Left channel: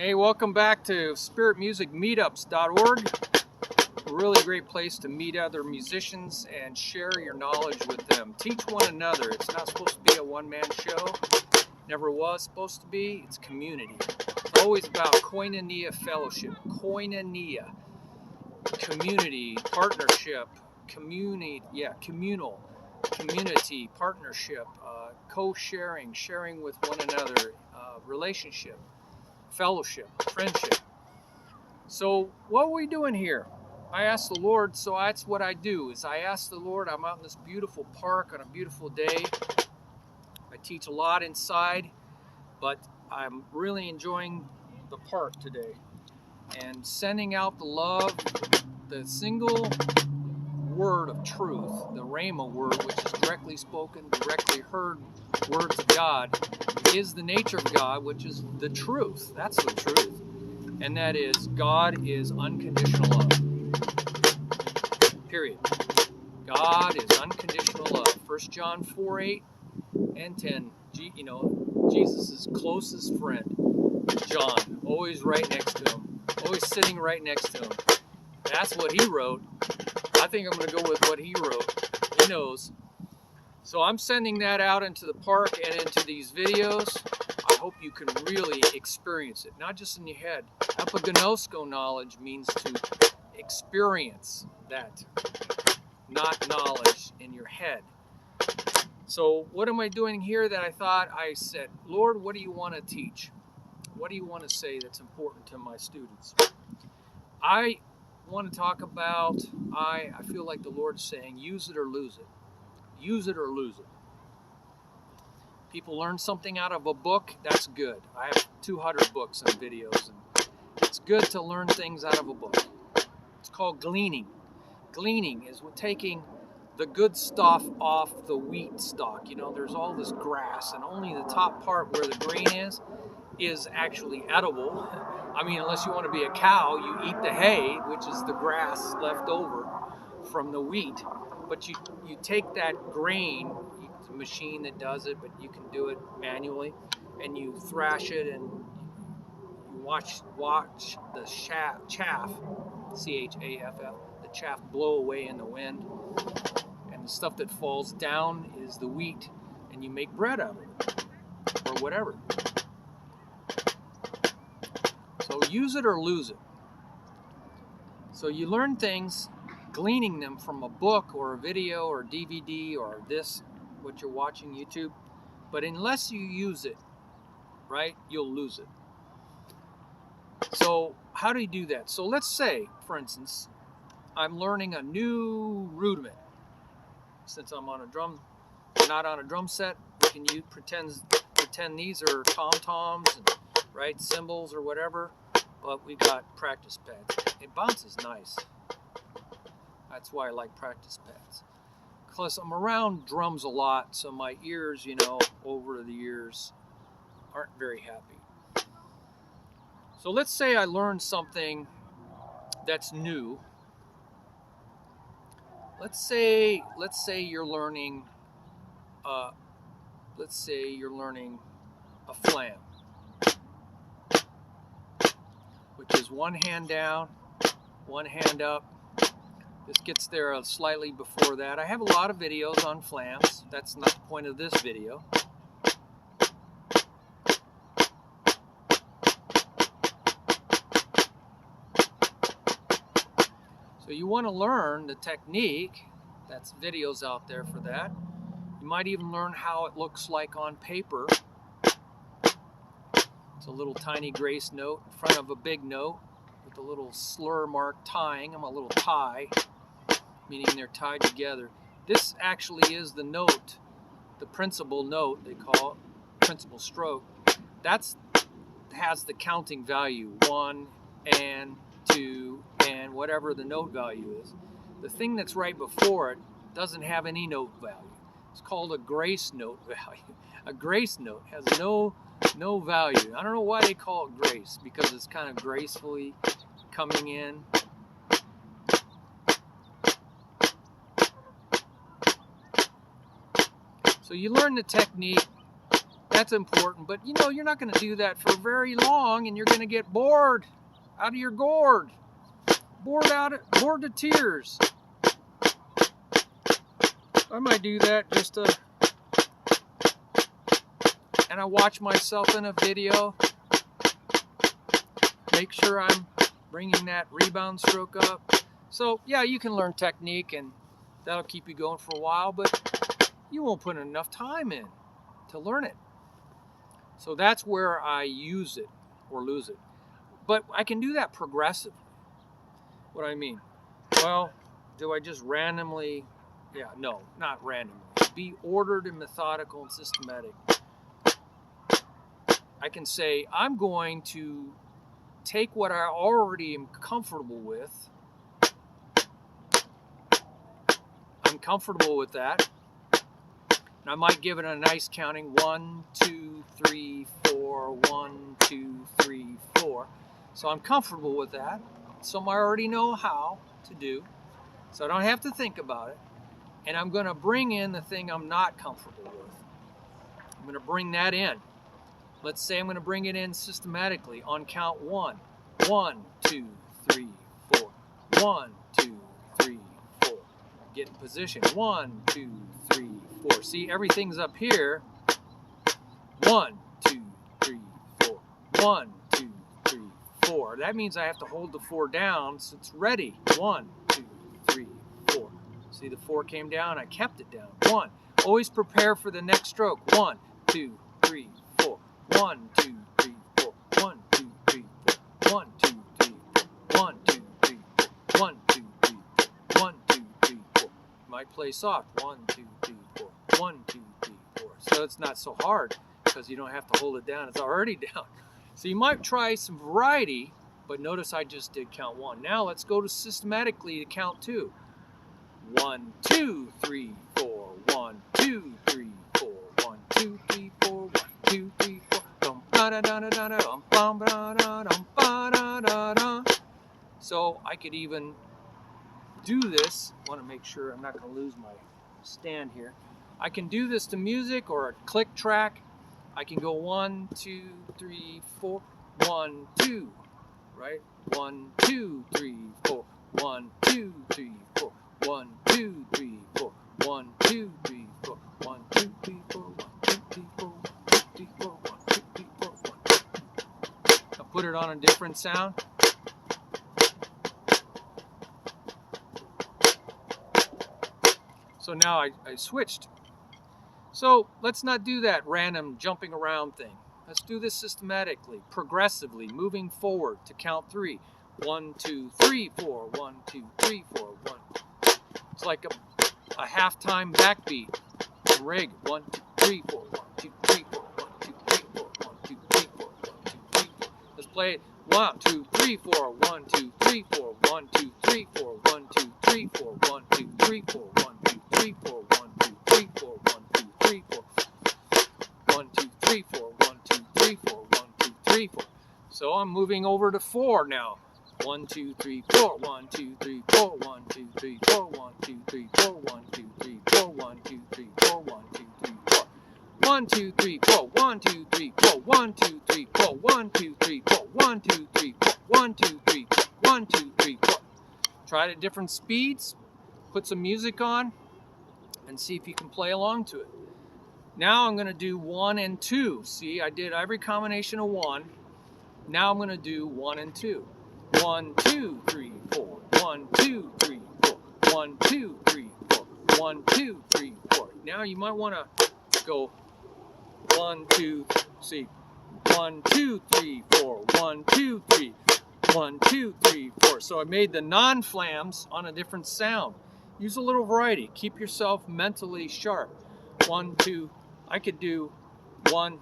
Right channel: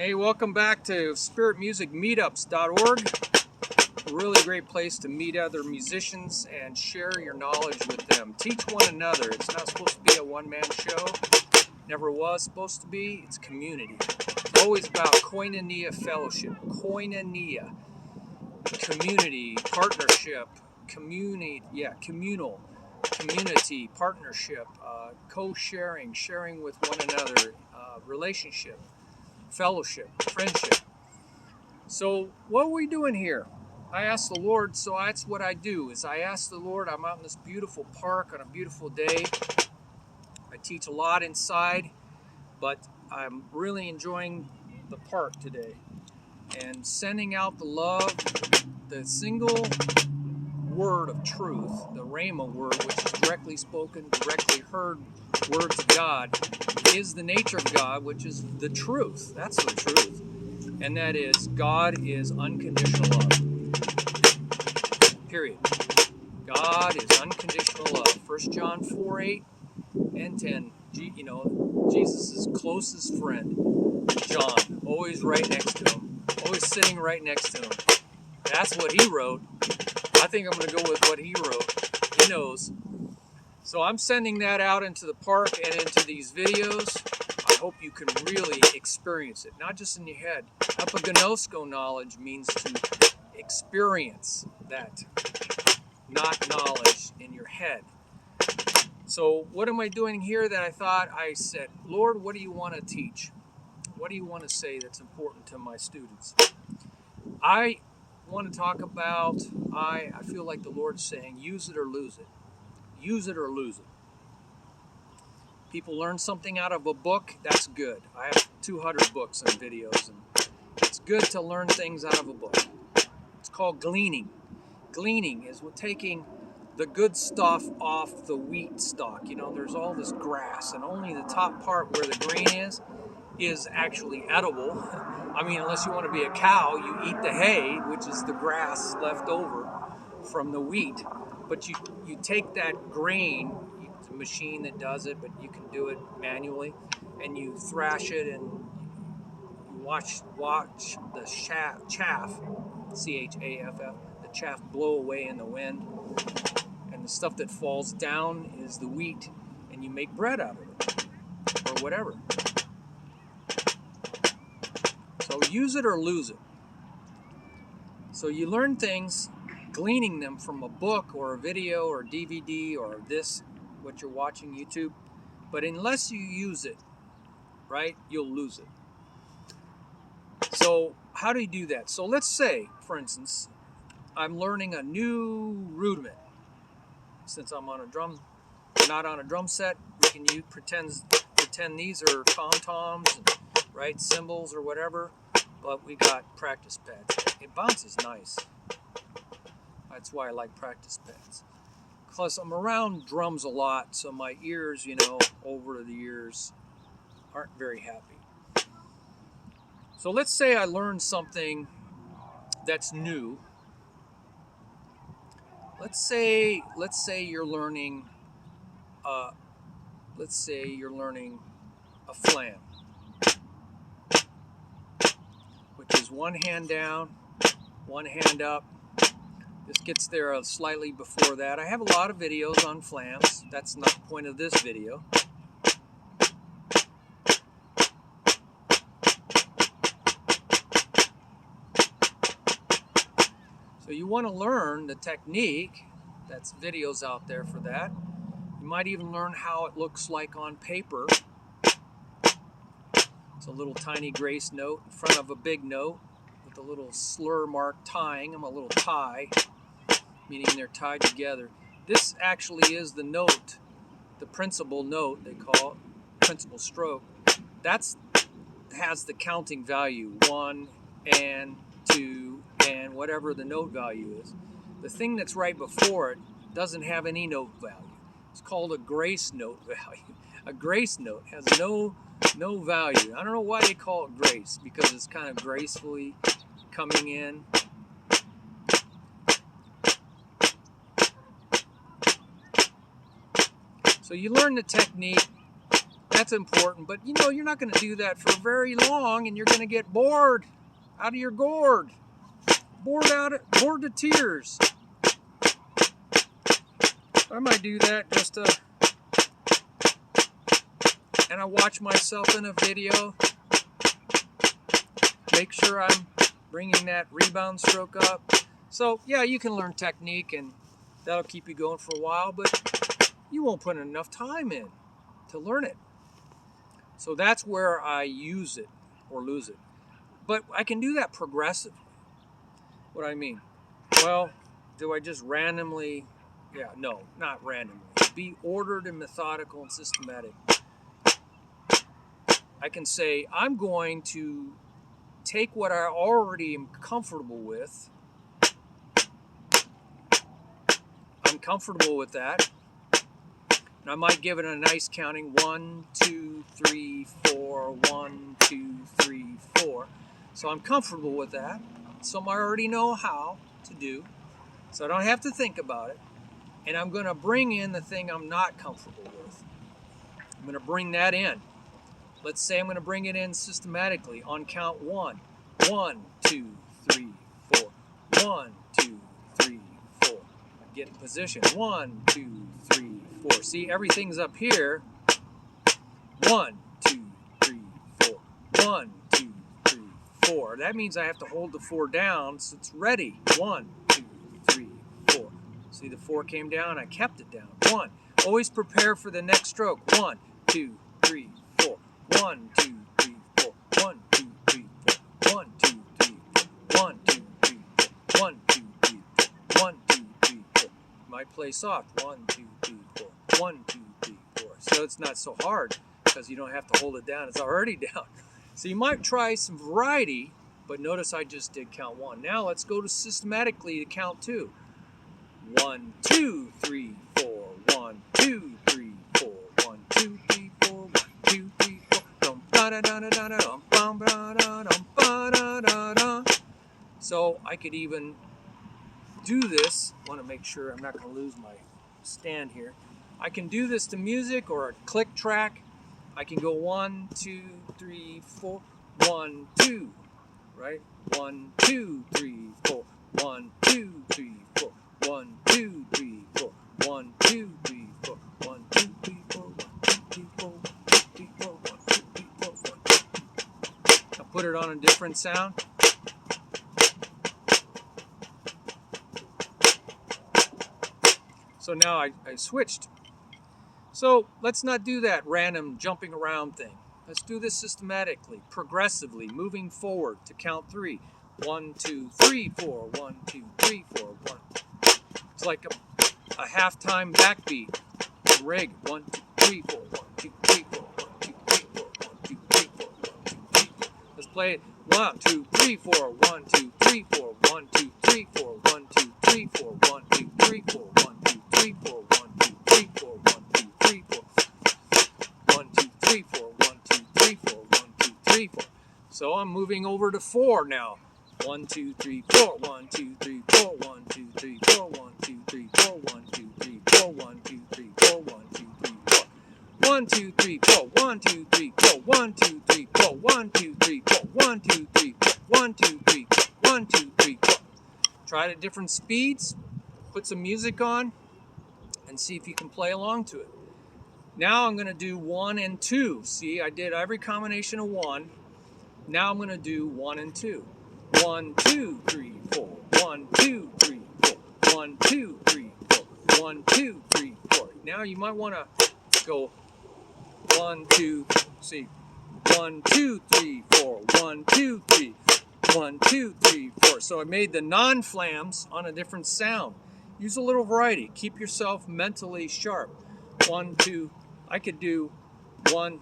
Hey, welcome back to Spirit Music Meetups.org. A really great place to meet other musicians and share your knowledge with them. Teach one another. It's not supposed to be a one-man show. Never was supposed to be. It's community. It's always about koinonia fellowship. Koinonia. Community, partnership, communal, community, partnership, co-sharing, sharing with one another, relationship, fellowship, friendship. So what are we doing here? I asked the Lord, so that's what I do, is I ask the Lord. I'm out in this beautiful park on a beautiful day. I teach a lot inside, but I'm really enjoying the park today and sending out the love, the single word of truth, the Rhema word, which is directly spoken, directly heard words of God, is the nature of God, which is the truth. That's the truth. And that is, God is unconditional love. Period. God is unconditional love. 1 John 4:8 and 10. Jesus' closest friend, John, always right next to him, always sitting right next to him. That's what he wrote. I think I'm going to go with what he wrote. He knows. So I'm sending that out into the park and into these videos. I hope you can really experience it, not just in your head. Epignosko knowledge means to experience that, not knowledge in your head. So what am I doing here that I said, Lord, what do you want to teach? What do you want to say that's important to my students? I want to talk about, I feel like the Lord's saying, use it or lose it. Use it or lose it. People learn something out of a book, that's good. I have 200 books and videos, and it's good to learn things out of a book. It's called gleaning. Gleaning is we're taking the good stuff off the wheat stalk. You know, there's all this grass, and only the top part where the grain is actually edible. I mean, unless you want to be a cow, you eat the hay, which is the grass left over from the wheat. But you take that grain, it's a machine that does it, but you can do it manually, and you thrash it and watch the chaff, CHAFF, the chaff blow away in the wind. And the stuff that falls down is the wheat, and you make bread out of it, or whatever. So use it or lose it. So you learn things, gleaning them from a book or a video or DVD or this, what you're watching, YouTube. But unless you use it, right, you'll lose it. So how do you do that? So let's say, for instance, I'm learning a new rudiment. Since I'm on a drum, not on a drum set, we can pretend these are tom-toms, and, right, cymbals or whatever, but we got practice pads. It bounces nice. That's why I like practice pads. Plus, I'm around drums a lot, so my ears, over the years aren't very happy. So let's say I learned something that's new. Let's say you're learning a flam, which is one hand down, one hand up. This gets there slightly before that. I have a lot of videos on flams. That's not the point of this video. So you want to learn the technique. That's videos out there for that. You might even learn how it looks like on paper. It's a little tiny grace note in front of a big note with a little slur mark tying them, a little tie, meaning they're tied together. This actually is the note, the principal note, they call it, principal stroke. That's has the counting value, 1 and 2 and whatever the note value is. The thing that's right before it doesn't have any note value. It's called a grace note value. A grace note has no value. I don't know why they call it grace, because it's kind of gracefully coming in. So you learn the technique. that's important. But you know, you're not going to do that for very long, and you're going to get bored out of your gourd. Bored to tears. I might do that just to, and I watch myself in a video, make sure I'm bringing that rebound stroke up. So yeah, you can learn technique and that'll keep you going for a while, but you won't put enough time in to learn it. So that's where I use it or lose it. But I can do that progressively. What do I mean? Well, do I just randomly? Yeah, no, not randomly. Be ordered and methodical and systematic. I can say, I'm going to take what I already am comfortable with. I'm comfortable with that. And I might give it a nice counting. 1, 2, 3, 4. 1, 2, 3, 4. So I'm comfortable with that. Some I already know how to do. So I don't have to think about it. And I'm going to bring in the thing I'm not comfortable with. I'm going to bring that in. Let's say I'm going to bring it in systematically on count 1. 1, 2, 3, 4. 1, 2, 3, 4. Get in position. 1, 2, 3, 4. See, everything's up here. 1, 2, 3, 4. 1, 2, 3, 4. That means I have to hold the 4 down so it's ready. 1, 2, 3, 4. See, the 4 came down. I kept it down. 1. Always prepare for the next stroke. 1, 2, 3, 4. 1, 2, 3, 4. 1, 2, 3, 4. 1, 2, 3, 4. 1, 2, 3, 4. 1, 2, 3, 4. 1, 2, 3, 4. Might play soft. 1, 2, 3, 4. 1, 2, 3, 4. So it's not so hard because you don't have to hold it down. It's already down. So you might try some variety, but notice I just did count 1. Now let's go to systematically to count 2. 1, 2, 3, 4. 1, 2, 3, 4. 1, 2, 3, 4. 1, 2, 3, 4. So I could even do this. I want to make sure I'm not going to lose my stand here. I can do this to music or a click track. I can go 1, 2, 3, 4. 1, 2, right? 1, 2, 3, 4. 1, 2, 3, 4. 1, 2, 3, 4. 1, 2, 3, 4. 1, 2, 3, 4. 1, 2, 3, 4. 1, 2, 3, 4. 1, 2, 3, 4. 1, 2, 3, 4. I'll put it on a different sound. So now I switched. So let's not do that random jumping around thing. Let's do this systematically, progressively, moving forward to count 3. 1, 2, 3, 4. 1, 2, 3, 4. 1. It's like a halftime backbeat from Reagan. 1, 2, 3, 4. 1, 2, 3, 4. 1, 2, 3, 4. 1, 2, 3, 4. 1, 2, 3, 4. Let's play it. 1, 2, 3, 4. 1, 2, 3, 4. 1, 2, 3, 4. 1, 2, 3, 4. 1, 2, 3, 4. 1, 2, 3, 4. 1, 2, 3, 4. 1, 2, 3, 4. 1, 2, 3, 4. 1, 2, 3, 4. 1, 2, 3, 4. So I'm moving over to 4 now. 1, 2, 3, 4. 1, 2, 3, 4. 1, 2, 3, 4. 1, 2, 3, 4. 1, 2, 3, 4. 1, 2, 3, 4. 1, 2, 3, 4. 1, 2, 3, 4. 1, 2, 3, 4. 1, 2, 3, 4. 1, 2, 3, 4. 1, 2, 3, 4. 1, 2, 3, 4. 1, 2, 3, 4. Try it at different speeds. Put some music on and see if you can play along to it. Now I'm going to do 1 and 2. See, I did every combination of 1. Now I'm going to do 1 and 2. 1, 2, 3, 4. 1, 2, 3, 4. 1, 2, 3, 4. 1, 2, 3, 4. Now you might want to go 1, 2, see, 1, 2, 3, 4. 1, 2, 3. 1, 2, 3, 4. So I made the non-flams on a different sound. Use a little variety. Keep yourself mentally sharp. 1, 2. I could do 1,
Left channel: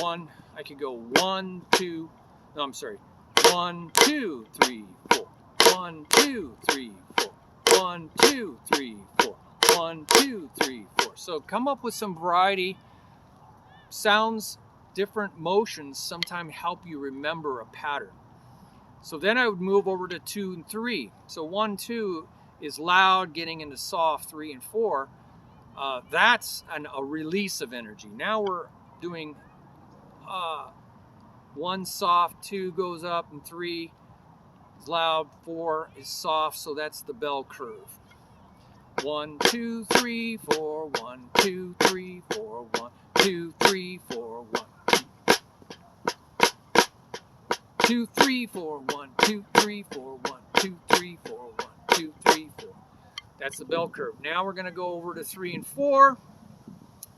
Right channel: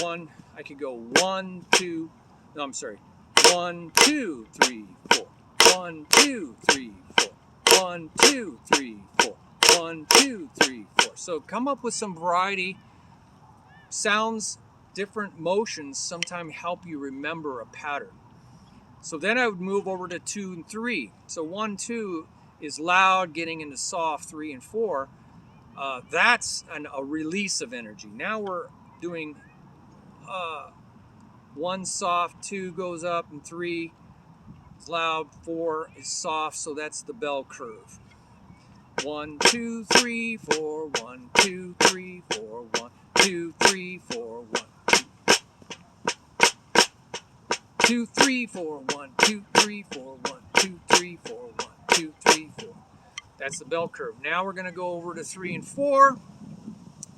1. I could go 1, 2. No, I'm sorry. 1, 2, 3, 4. 1, 2, 3, 4. 1, 2, 3, 4. 1, 2, 3, 4. So come up with some variety. Sounds, different motions sometimes help you remember a pattern. So then I would move over to 2 and 3. So 1, 2 is loud, getting into soft. 3 and 4, that's a release of energy. Now we're doing 1 soft, 2 goes up, and 3 is loud, 4 is soft, so that's the bell curve. 1, 2, 3, 4, 1, 2, 3, 4, 1, 2, 3, 4, 1, 2, 3, 4, 1, 2, 3, 4, 1, 2, 3, 4, 1, 2, 3, 4. That's the bell curve. Now we're going to go over to 3 and 4.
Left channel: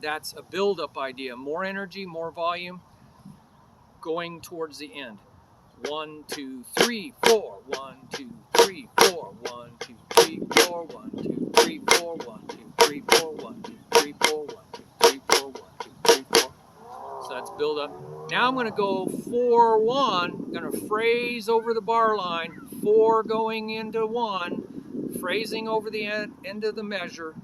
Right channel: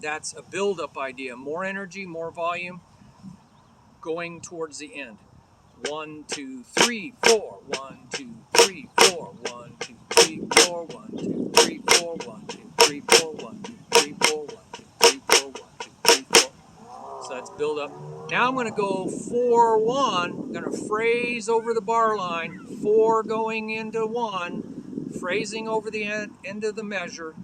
That's a build-up idea. More energy, more volume, going towards the end. 1, 2, 3, 4. 1, 2, 3, 4. 1, 2, 3, 4. 1, 2, 3, 4. 1, 2, 3, 4. 1, 2, 3, 4. 1, 2, 3, 4. 1, 2, 3, 4. So that's build up. Now I'm going to go 4, 1. I'm going to phrase over the bar line. 4 going into 1. Phrasing over the end of the measure.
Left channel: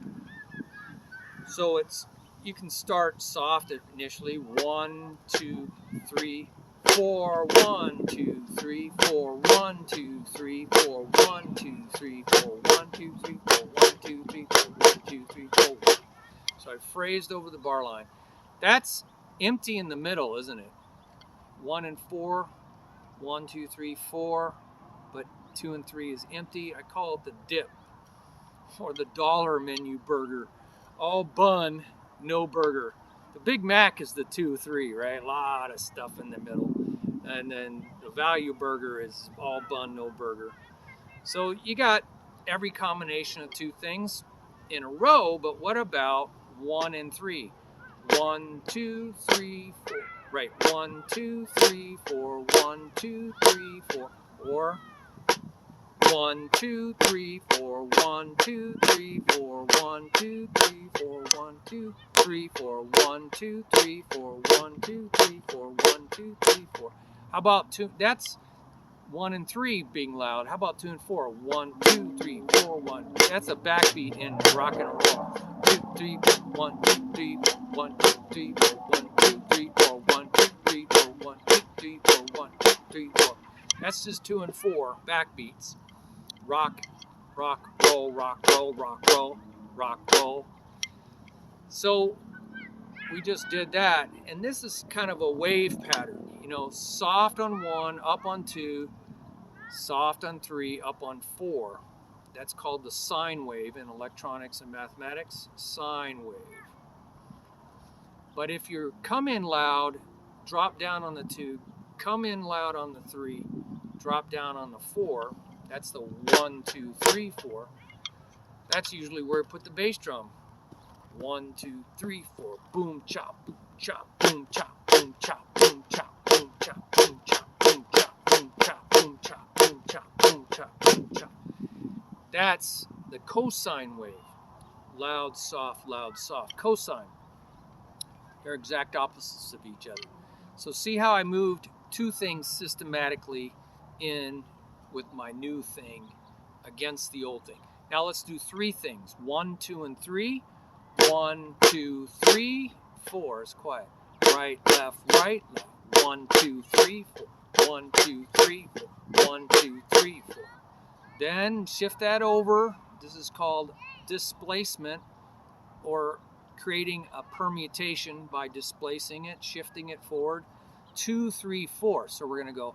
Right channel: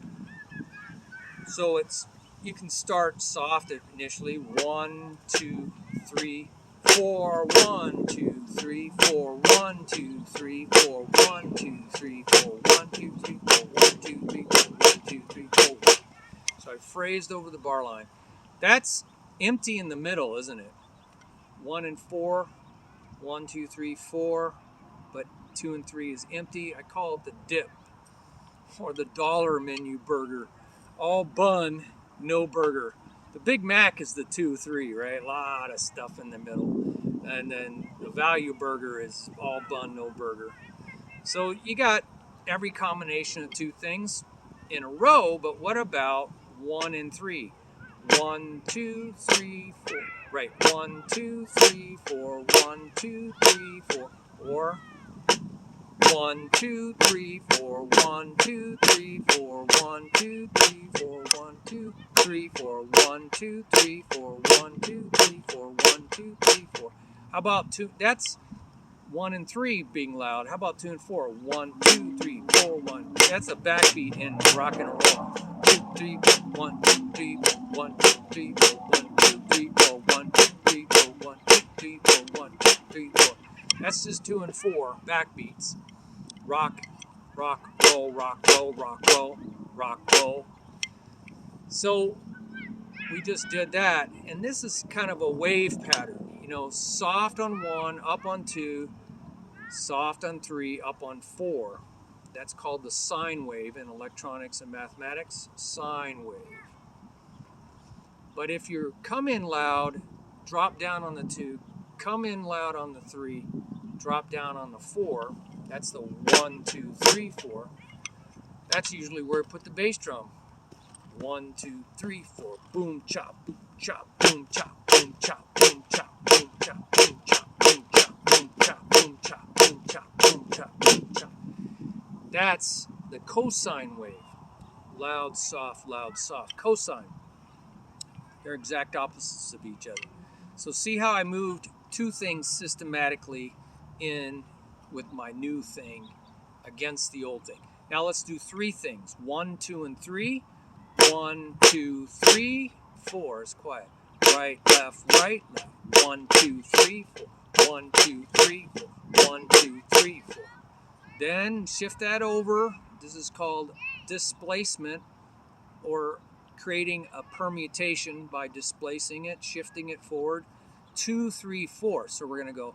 So it's, you can start soft initially. 1, 2, 3, 4. 1, 2, 3, 4. 1, 2, 3, 4. 1, 2, 3, 4. 1, 2, 3, 4. 1, 2, 3, 4. 1, 2, 3, 4. So I phrased over the bar line. That's empty in the middle, isn't it? 1 and 4. 1, 2, 3, 4. But 2 and 3 is empty. I call it the dip, or the dollar menu burger. All bun, no burger. The Big Mac is the 2, 3, right? A lot of stuff in the middle. And then the value burger is all bun, no burger. So you got every combination of 2 things in a row, but what about 1 and 3? 1, 2, 3, 4. Right, 1, 2, 3, 4. 1, 2, 3, 4. Or 1, 2, 3, 4. 1, 2, 3, 4. 1, 2, 3, 4. 1, 2, 3, 4. 1, 2, 3, 4. 1, 2, 3, 4. 1, 2, 3, 4. How about 2? That's 1 and 3 being loud. How about 2 and 4? 1, 2, 3, 4, 1. That's a backbeat in rock and roll. 2, 3, 1, 2, 3, 1, 2, 3, 4. 1, 2, 3, 4. 1, 2, 3, 4. 1, 2, 3, 4. 1, 2, 3, 4. That's just 2 and 4 backbeats. Rock, rock, roll, rock, roll, rock, roll, rock, roll. So we just did that, and this is kind of a wave pattern. You know, soft on 1, up on 2, soft on 3, up on 4. That's called the sine wave in electronics and mathematics, sine wave. But if you come in loud, drop down on the 2, come in loud on the 3, drop down on the 4, that's the 1, 2, 3, 4. That's usually where I put the bass drum. 1, 2, 3, 4. Boom, chop, chop, boom, chop, boom, chop, boom, chop, boom, chop, boom, chop, boom, chop, boom, chop, boom, chop, boom, chop, boom, chop, boom, chop. That's the cosine wave. Loud, soft, loud, soft. Cosine. They're exact opposites of each other. So see how I moved 2 things systematically in with my new thing against the old thing. Now let's do 3 things. 1, 2, and 3. 1, 2, 3, 4 is quiet. Right, left, right, left. 1, 2, 3, 4. 1, 2, 3, 4. 1, 2, 3, 4. Then shift that over. This is called displacement, or creating a permutation by displacing it, shifting it forward. 2, 3, 4. So we're going to go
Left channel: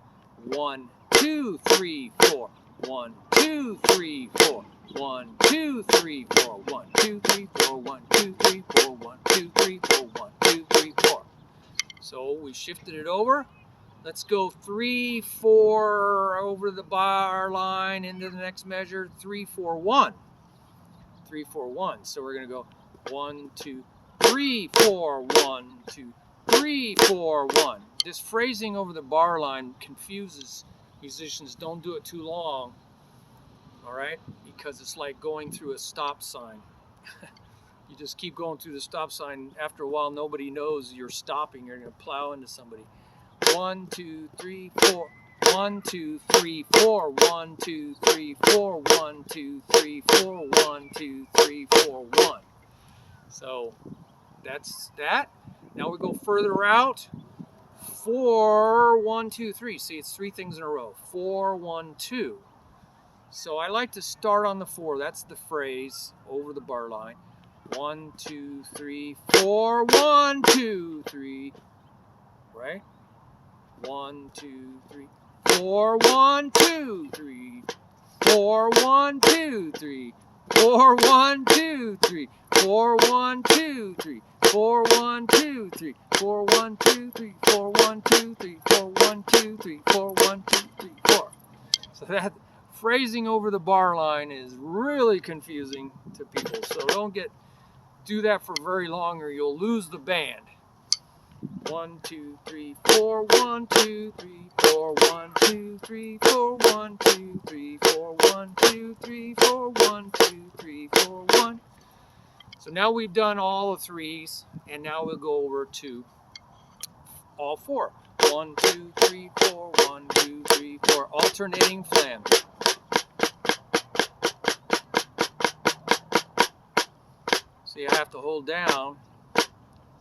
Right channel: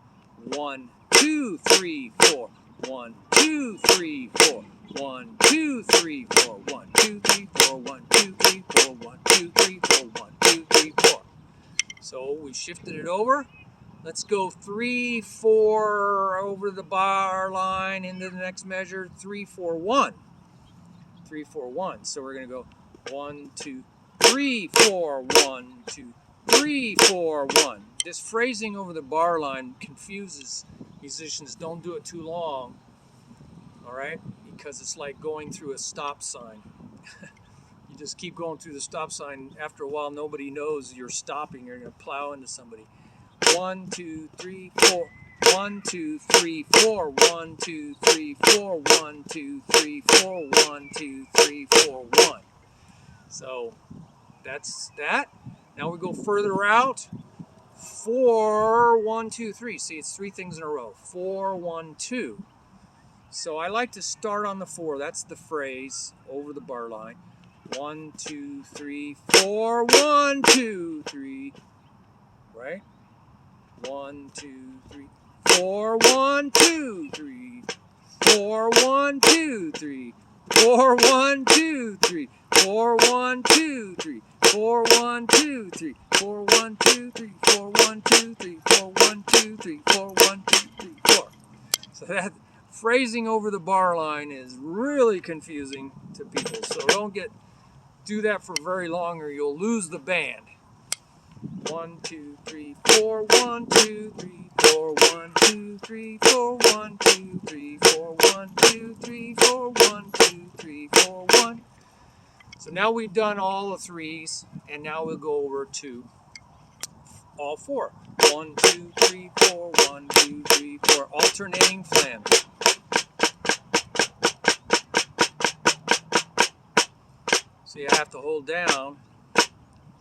1, 2, 3, 4. 1, 2, 3, 4. 1, 2, 3, 4. 1, 2, 3, 4. 1, 2, 3, 4. 1, 2, 3, 4. 1, 2, 3, 4. So we shifted it over. Let's go 3, 4 over the bar line into the next measure. 3, 4, 1. 3, 4, 1. So we're going to go 1, 2, 3, 4. 1, 2, 3, 4, 1. This phrasing over the bar line confuses musicians. Don't do it too long, all right? Because it's like going through a stop sign. You just keep going through the stop sign. After a while, nobody knows you're stopping. You're going to plow into somebody. 1, 2, 3, 4. 1, 2, 3, 4. 1, 2, 3, 4. 1, 2, 3, 4. 1, 2, 3, 4. 1. So that's that. Now we go further out. 4, 1, 2, 3. See, it's 3 things in a row. 4, 1, 2. So I like to start on the 4. That's the phrase over the bar line. 1, 2, 3, 4. 1, 2, 3. Right? 1, 2, 3, 4. 1, 2, 3, 4. 1, 2, 3, 4. 1, 2, 3, 4. 1, 2, 3, 4. 1, 2, 3, 4. 1, 2, 3, 4. 1, 2, 3, 4. 1, 2, 3, 4. 1, 2, 3, 4. So that phrasing over the bar line is really confusing to people. So don't do that for very long or you'll lose the band. 1, 2, 3, 4. 1, 2, 3, 4. 1, 2, 3, 4. 1, 2, 3, 4. 1, 2, 3, 4. 1, 2, 3, 4. 1. So now we've done all the threes, and now we'll go over to all four. 1, 2, 3, 4. 1, 2, 3, 4. Alternating flam. So you have to hold down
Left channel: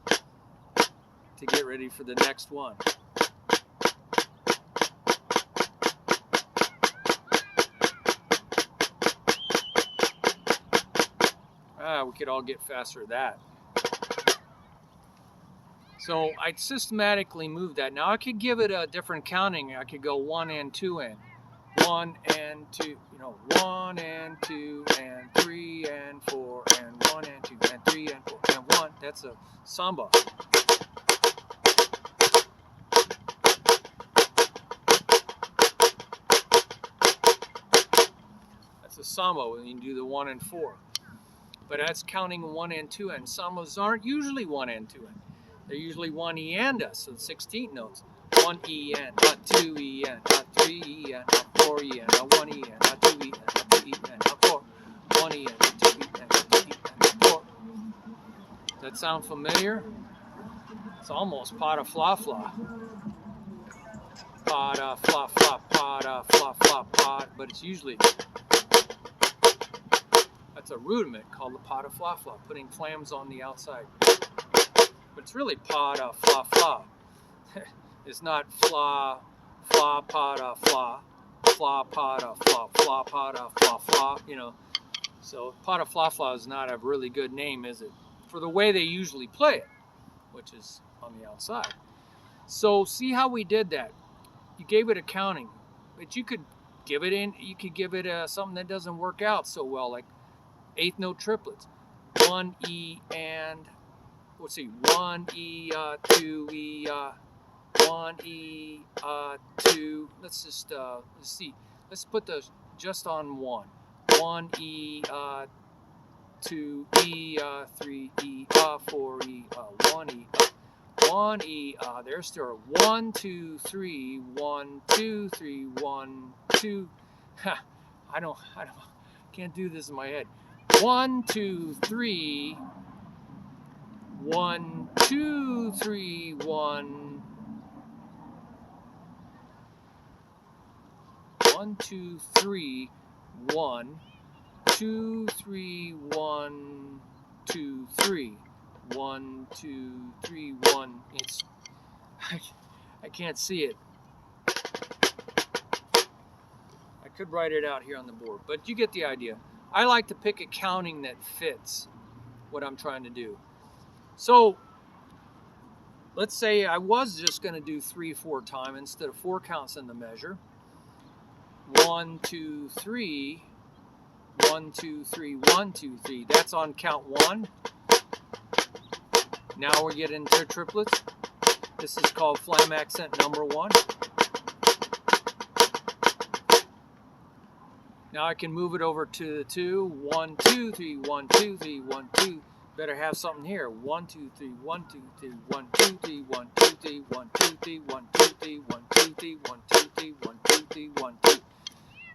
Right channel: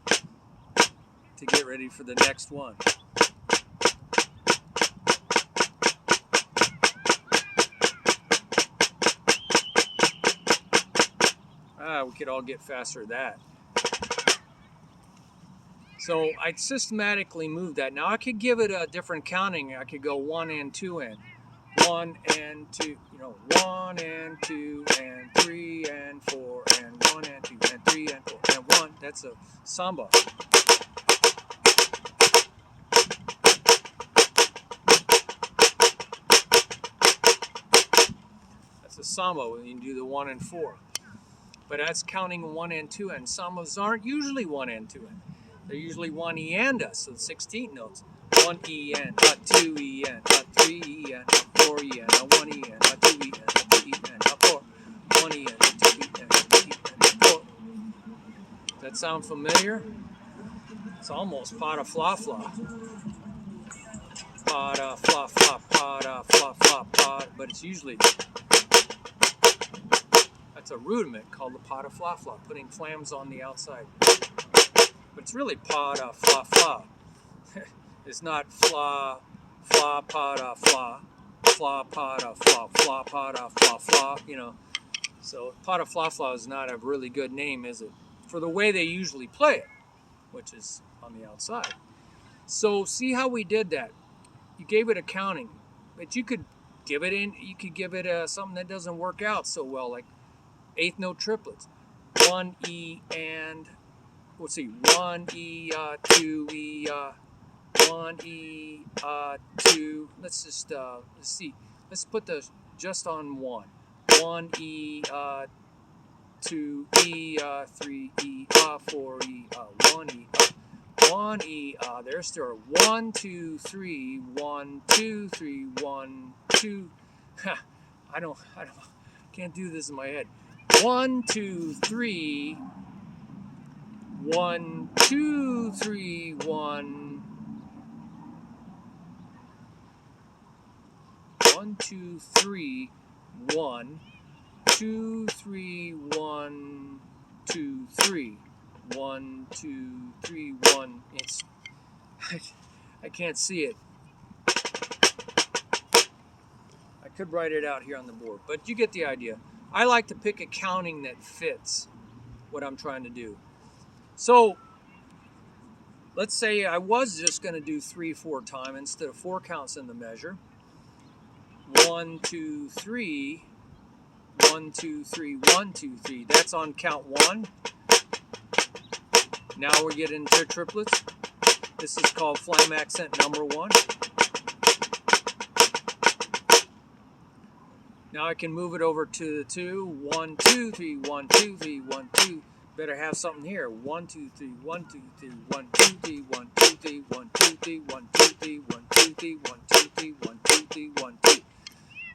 to get ready for the next one. We could all get faster at that. So I systematically moved that. Now I could give it a different counting. I could go 1 and 2 and 1 and 2, 1 and 2 and 3 and 4 and 1 and 2 and 3 and 4 and 1. That's a samba. That's a samba when you do the 1 and 4. But that's counting 1 and 2 and. Sambas aren't usually 1 and 2 and. They're usually 1 E and a, so 16 notes. 1 E and, not 2 E and, not 3 E and, not 4 E and, not 1 E and, not 2 E and, not 2 E and, not 4. 1 E and, not 2 E and, not 2 E and, not 4. Does that sound familiar? It's almost pada fla fla. Pada fla fla, pada fla fla, pada. But it's usually, that's a rudiment called the pada fla fla, putting flams on the outside. But it's really pada fla fla. It's not fla, fla, pada, fla, fla, pada, fla, fla, pada, fla, fla, So pada fla fla is not a really good name, is it? For the way they usually play it, which is on the outside. So see how we did that. You gave it a counting, but you could give it something that doesn't work out so well, like eighth note triplets. 1 E and, let's see, 1 E, 2 E, 1 E, 2. Let's just let's see. Let's put those just on 1. 1 E, 2 E, 3 E, 4 E, 1 E, 1 E. There's still 1, 2, 3, 1, 2, 3, 1, 2. I can't do this in my head. 1, 2, 3. 1, 2, 3, 1. 1, 2, 3, 1, 2, 3, 1, 2, 3, 1, 2, 3, 1. I can't see it. I could write it out here on the board, but you get the idea. I like to pick a counting that fits what I'm trying to do. So let's say I was just going to do 3/4 time instead of 4 counts in the measure. 1, 2, 3, 1, 2, 3, 1, 2, 3. That's on count 1. Now we get into triplets. This is called flam accent number 1. Now I can move it over to the 2. 1, 2, 3, 1, 2, 3, 1, 2. Better have something here. 1, 2, 3, 1, 2, 3, 1, 2, 3, 1, 2, 3, 1, 2, 3, 1, 2, 3, 1, 2, 3, 1, 2, 3, 1, 2, 3, 1, 2.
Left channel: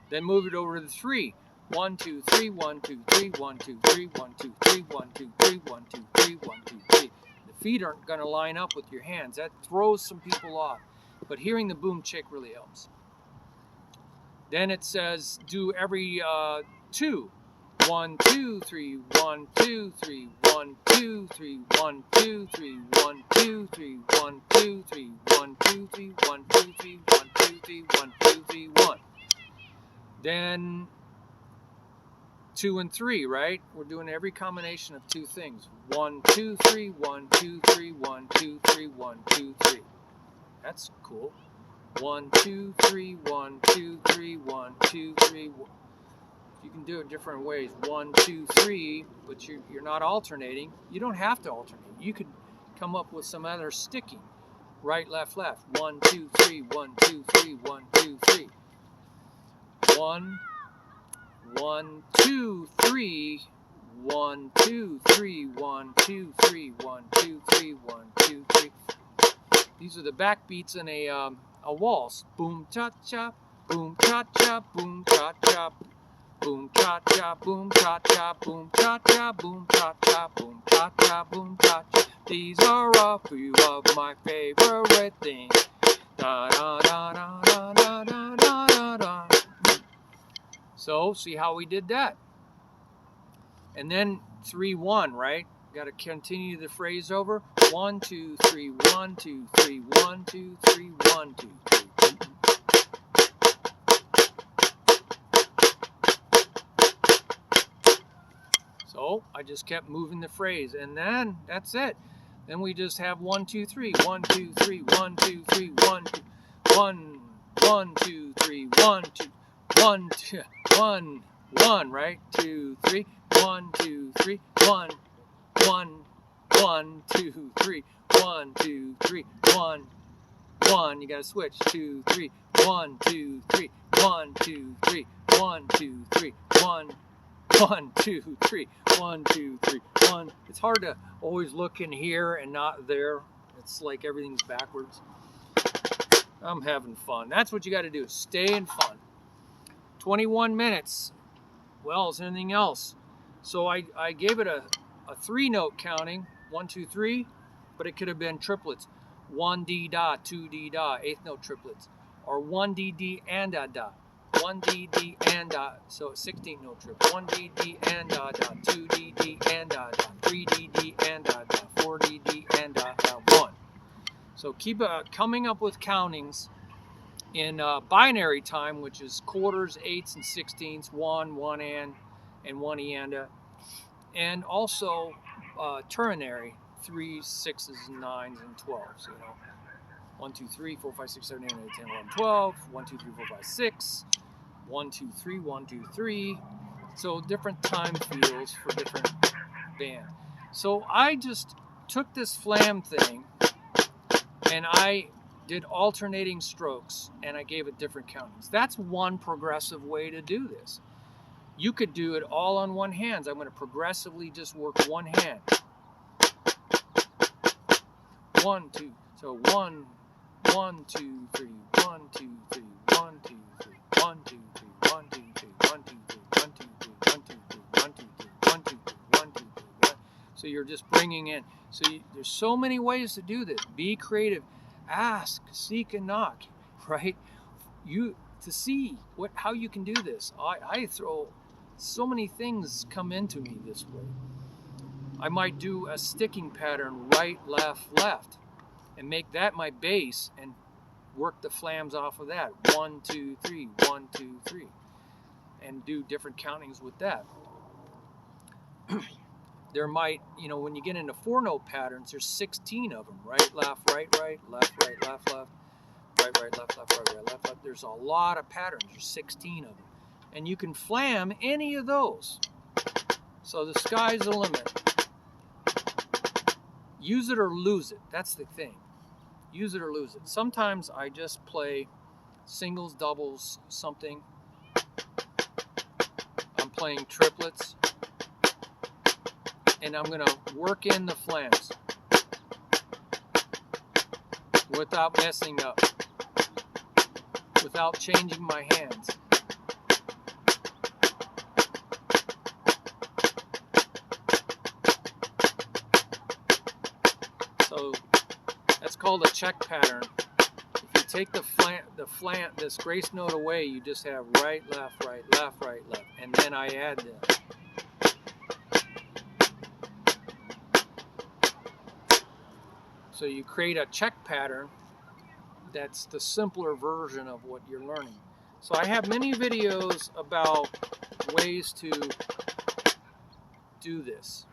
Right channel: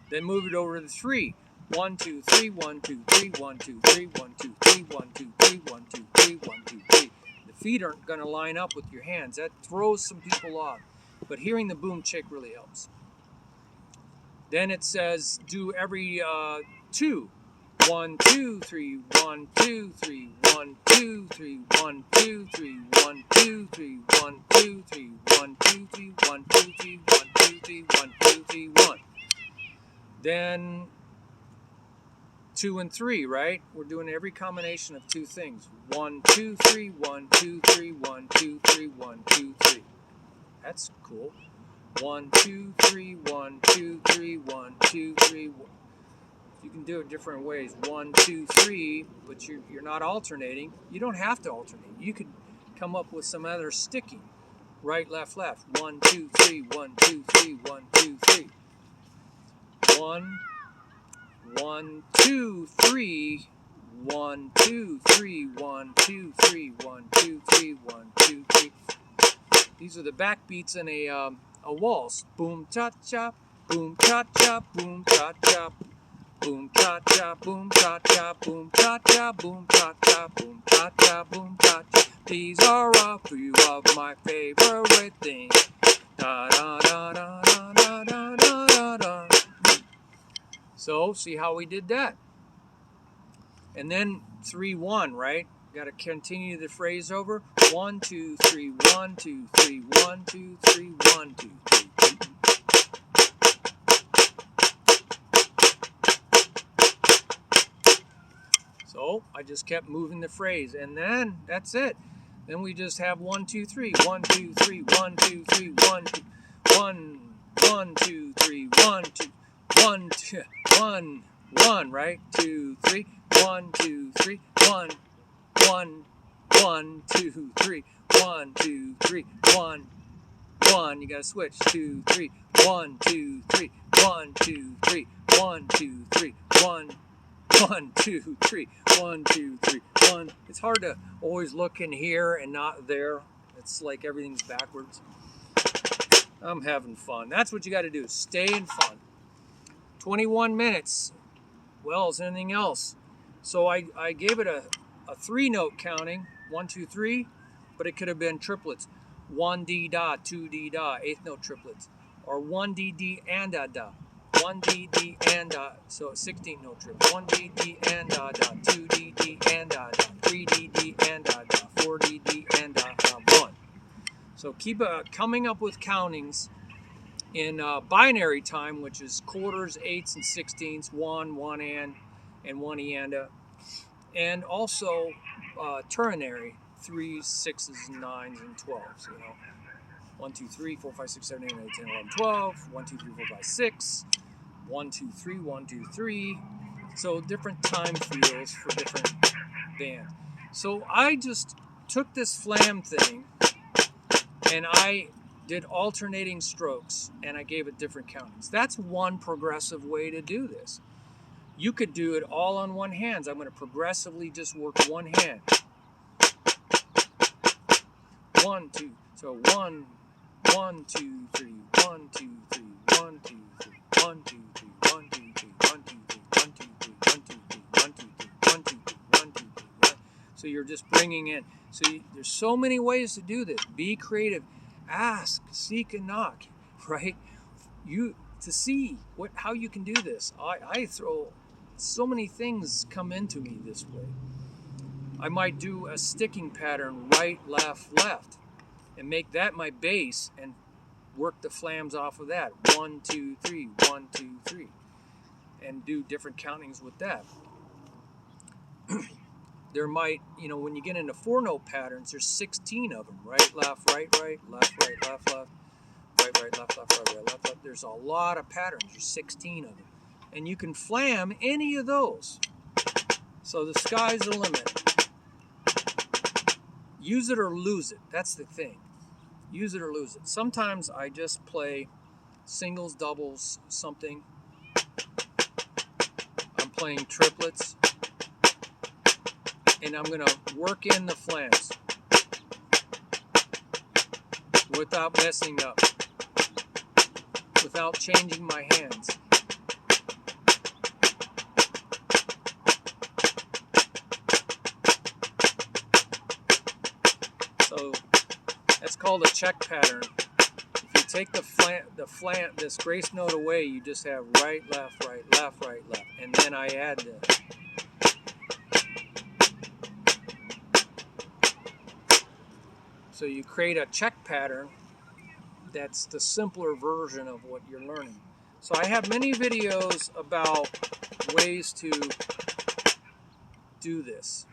Then move it over to the 3. 1, 2, 3, 1, 2, 3, 1, 2, 3, 1, 2, 3, 1, 2, 3, 1, 2, 3, 1, 2, 3. The feet aren't going to line up with your hands. That throws some people off. But hearing the boom chick really helps. Then it says do every 2. 1, 2, 3, 1, 2, 3, 1, 2, 3, 1, 2, 3, 1, 2, 3, 1, 2, 3, 1, 2, 3, 1, 2, 3, 1, 2, 3, 1, 2, 3, 1. Then 2 and 3, right? We're doing every combination of two things. 1, 2, 3, 1, 2, 3, 1, 2, 3, 1, 2, 3. That's cool. 1, 2, 3, 1, 2, 3, 1, 2, 3. You can do it different ways. 1, 2, 3, but you're not alternating. You don't have to alternate. You could come up with some other sticking. Right, left, left. 1, 2, 3, 1, 2, 3, 1, 2, 3. 1, 1, 2, 3, 1, 2, 3, 1, 2, 3, 1, 2, 3, 1, 2, 3. These are the backbeats in a waltz. Boom, cha, cha, boom, cha, cha, boom, cha, cha. Boom cha cha, boom cha cha, boom cha cha, boom cha cha, boom cha cha, boom cha cha. These are a few of my favorite things. Da da da da da da da da da. So see how we did that. And then 3 1, right? Got to continue the phrase over. 1 2 3 1 2 3 1 2 3 1 2 3. So I just kept moving the phrase, and then that's it. Then we just have 1 2 3 1 2 3 1 2 3 1 2 1 1 2 3 1 2 1 2 1 1, right? 2 3 1 2 3 1 1 1 2 3 1 2 3 1 1. You gotta switch. 2 3 1 2 3 1 2 3 1 2 3 1 1 2 3 1 2 3 1. It's hard to always look in here and not there. It's like everything's backwards. I'm having fun. That's what you got to do. Stay in fun. 21 minutes. Well, is there anything else? So I gave it a 3-note counting. 1 2 3, but it could have been triplets. 1 D da, 2 D da, 8th note triplets, or 1 D D and da da. 1 D D and da, so 16 note triplets. 1 D D and da da, 2 D D and da da, 3 D D and da da, 4 D D and da da, 1. So keep coming up with countings in binary time, which is quarters, eighths, and sixteenths. 1, 1 and 1 and also ternary, 3s, 6s, 9s, and 12s. You know, 1 2 3 4 5 6 7 8 9 10 11 12. 1 2 3 4 5 6. 1 2 3 1 2 3. So different time fields for different bands. So I just took this Flam thing and I did alternating strokes and I gave it different countings. That's one progressive way to do this. You could do it all on one hand. I'm going to progressively just work one hand. 1 2. So 1 1 2 3 1 2 3 1 2 3 1 2 3 1 2 3 1 2 3 1 2 3 1 2 3 1 2 3 1 2 3 1 2 3 1. So you're just bringing in. So there's so many ways to do this. Be creative. Ask, seek, and knock. Right? To see how you can do this. I throw so many things come into me this way. I might do a sticking pattern, right, left, left, and make that my bass and work the flams off of that. 1 2 3 1 2 3, and do different countings with that. There might, when you get into 4-note patterns, there's 16 of them. Right, left, right, right, left, right, left, left, right, right, left, left, right, right, left, left. There's a lot of patterns. There's 16 of them, and you can flam any of those. So the sky's the limit. Use it or lose it. That's the thing. Use it or lose it. Sometimes I just play singles, doubles, something. I'm playing triplets. And I'm going to work in the flams without messing up, without changing my hands. So that's called a check pattern. If you take the flam, this grace note away, you just have right, left, right, left, right, left, and then I add this. So you create a check pattern that's the simpler version of what you're learning. So I have many videos about ways to do this.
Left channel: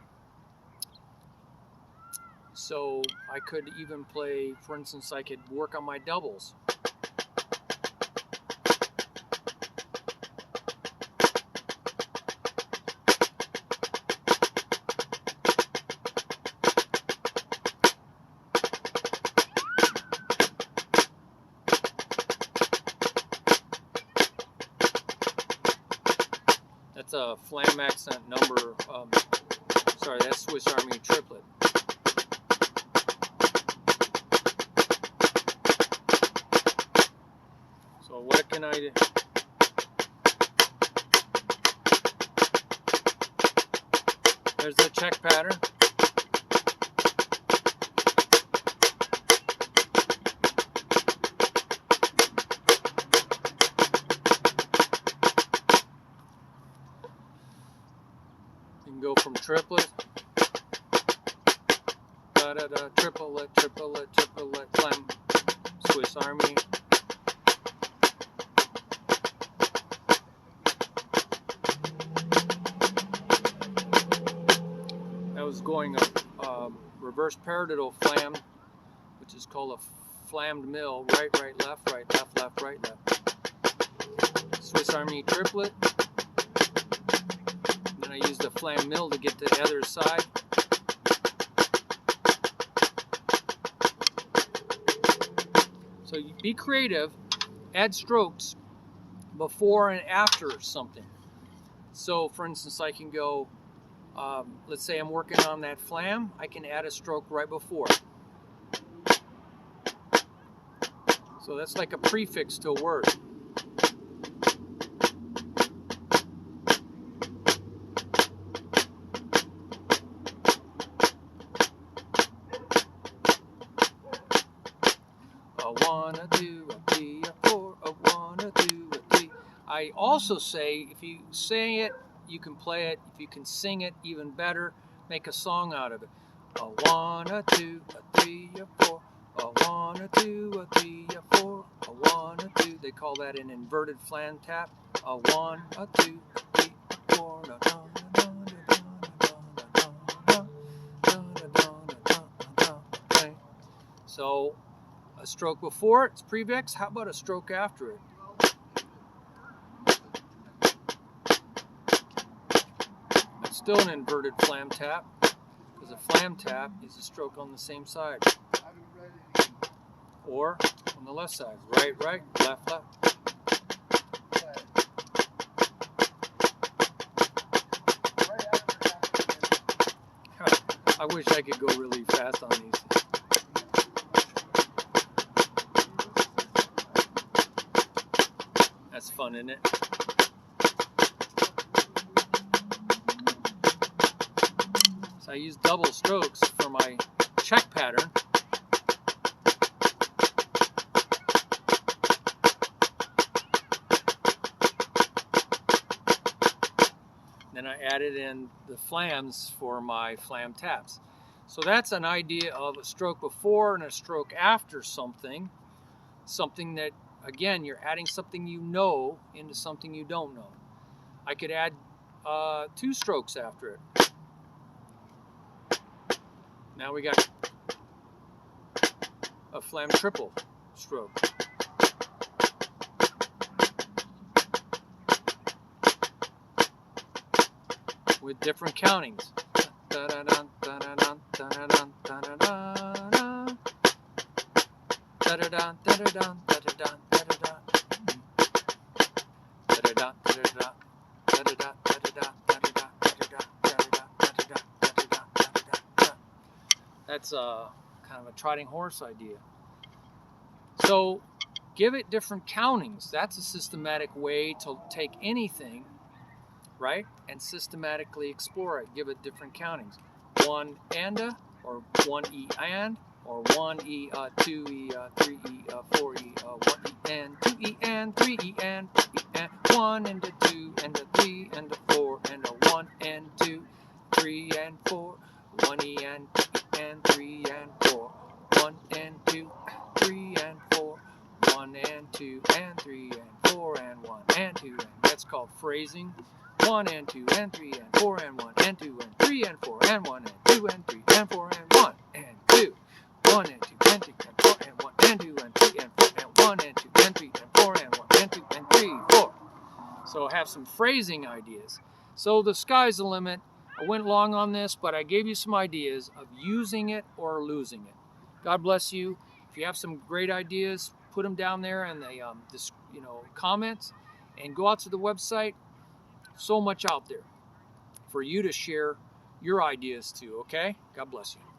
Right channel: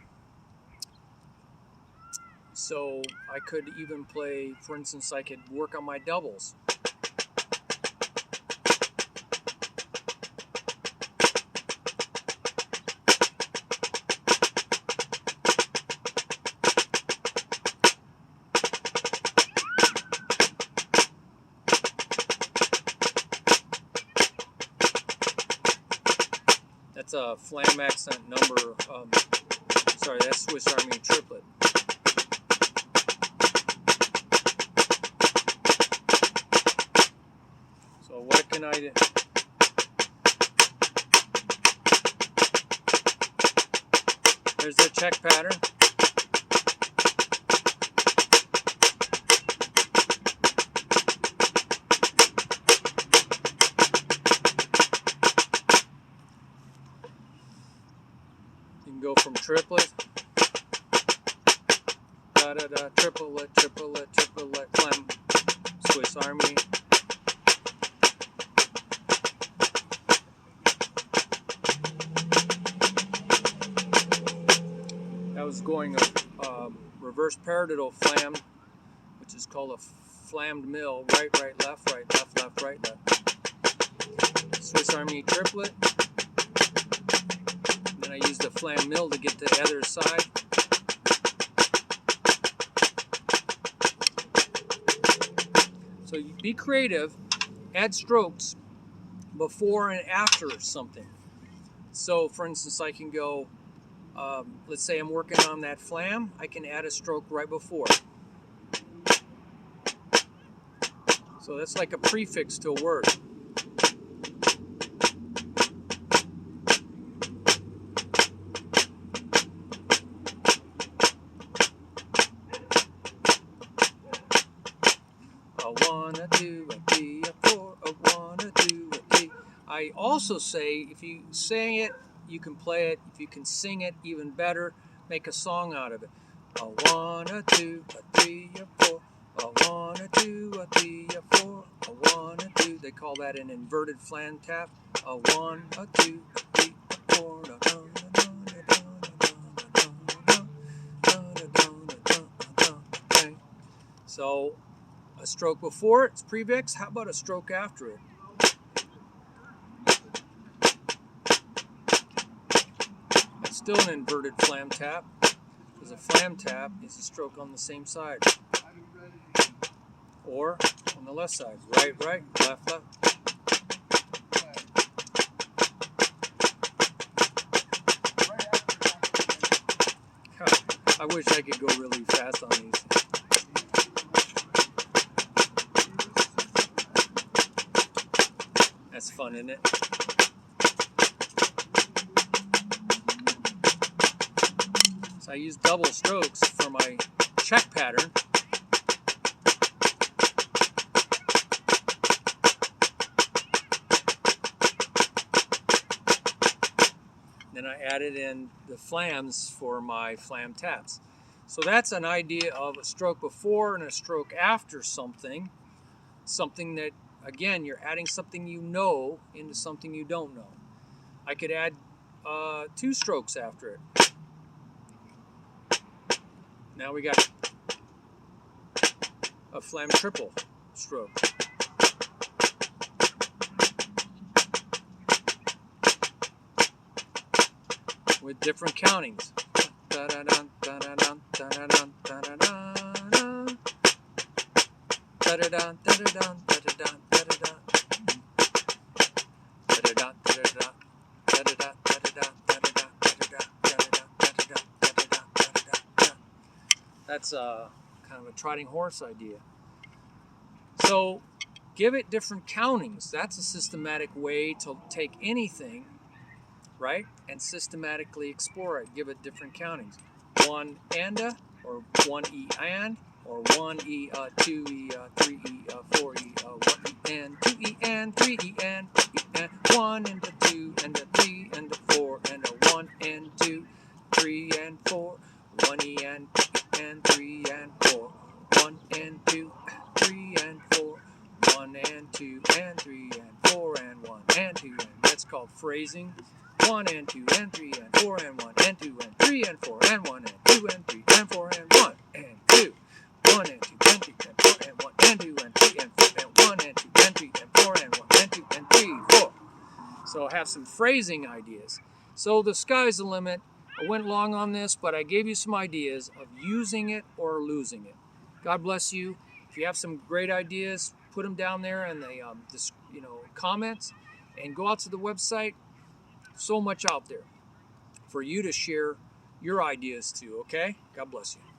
So I could even play, for instance, I could work on my doubles. That's a Flam accent number, sorry, that's Swiss Army triplet. So what can I do? There's the check pattern. You can go from triplet, da-da-da, triplet, triplet, triplet, Flam, Swiss Army. I was going a reverse paradiddle flam, which is called a flammed mill, right, right, left, left, right, left. Swiss Army triplet. Then I use the flam mill to get to the other side. So you be creative, add strokes before and after something. So for instance, I can go, let's say I'm working on that flam, I can add a stroke right before. So that's like a prefix to a word. A one, a two, a three, a four, a one, a two, a three. I also say, if you sing it, you can play it. If you can sing it, even better. Make a song out of it. A one, a two, a three, a four. A one, a two, a three, a four. A one, a two. They call that an inverted Flam tap. A one, a two, a three, a four. So a stroke before it's prefix. How about a stroke after it? It's still an inverted Flam tap, because a Flam tap is a stroke on the same side, or on the left side. Right, right, left, left. I wish I could go really fast on these. That's fun, isn't it? So I use double strokes for my check pattern. Then I added in the flams for my Flam taps. So that's an idea of a stroke before and a stroke after something. Something that, again, you're adding something you know into something you don't know. I could add two strokes after it. Now we got a Flam triple stroke. With different countings. That's kind of a trotting horse idea. So give it different countings. That's a systematic way to take anything, right, and systematically explore it. Give it different countings. One and a, or one E and, or one E, two E, three E, four E, one E and, two E and, three E and, one and a two and a three and a four and a one and two, three and four, one E and three and four, one and two, three and four, one and two and three and four and one and two. And that's called phrasing. 1 and 2 and 3 and 4 and 1 and 2 and 3 and 4 and 1 and 2 and 3 and 4 and 1 and 2. 1 and 2 and 3 and 4 and 1 and 2 and 3 and 4 and 1 and 2 and 3 and 4 and 1 and 2 and 3, 4. So have some phrasing ideas. So the sky's the limit. I went long on this, but I gave you some ideas of using it or losing it. God bless you. If you have some great ideas, put them down there in the comments, and go out to the website. So much out there for you to share your ideas too, okay? God bless you.